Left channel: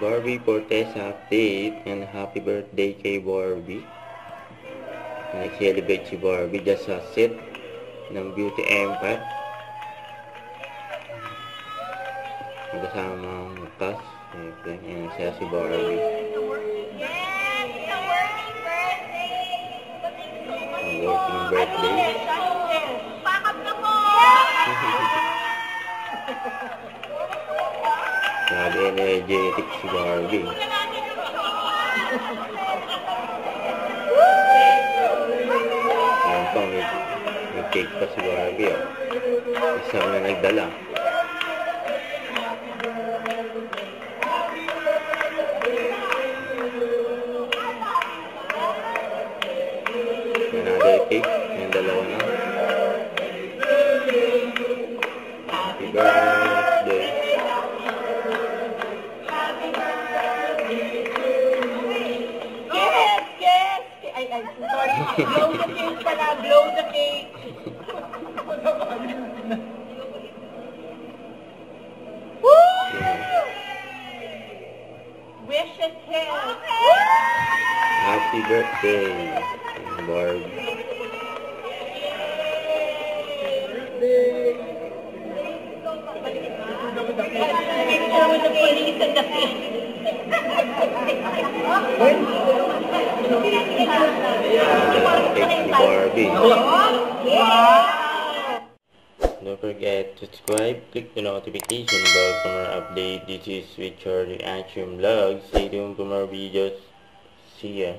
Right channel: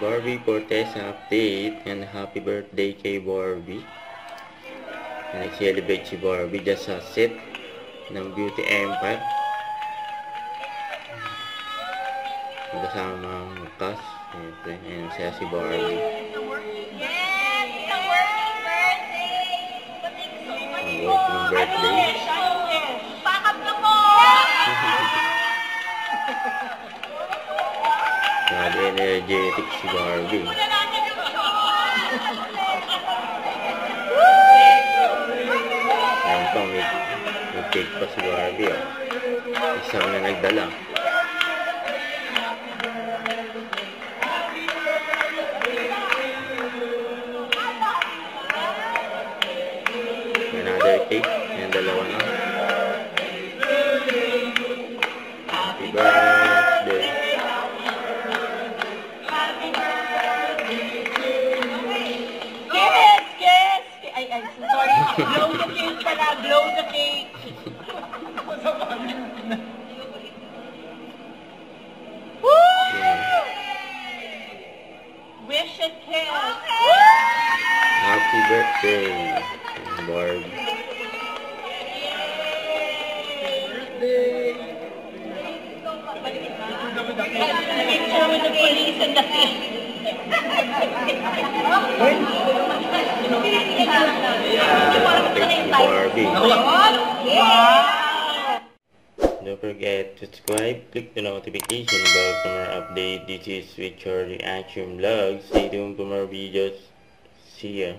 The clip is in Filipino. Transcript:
Barbie Cortez update, and happy birthday kay Barbie. Nag-celebrate si Barbie dyan sa set ng Beauty Empire. Kasama ang cast. Siyempre, ayan siya si Barbie. Ang working birthday. Grabe energetic si Barbie. Ayan pa, may cake pa si Barbie. Isang na nagdala. Another cake. Ayan, dalawa na. Happy birthday. Sorry, blow the cake pala, blow the cake. Woo! Wish it cake. Happy birthday, Barb. Picture with the police and the cake. Thank you, Barbie. Wow! Don't forget to subscribe, click the notification bell for more update. This is Richard Reaction Vlog. Stay tuned for more videos. See ya.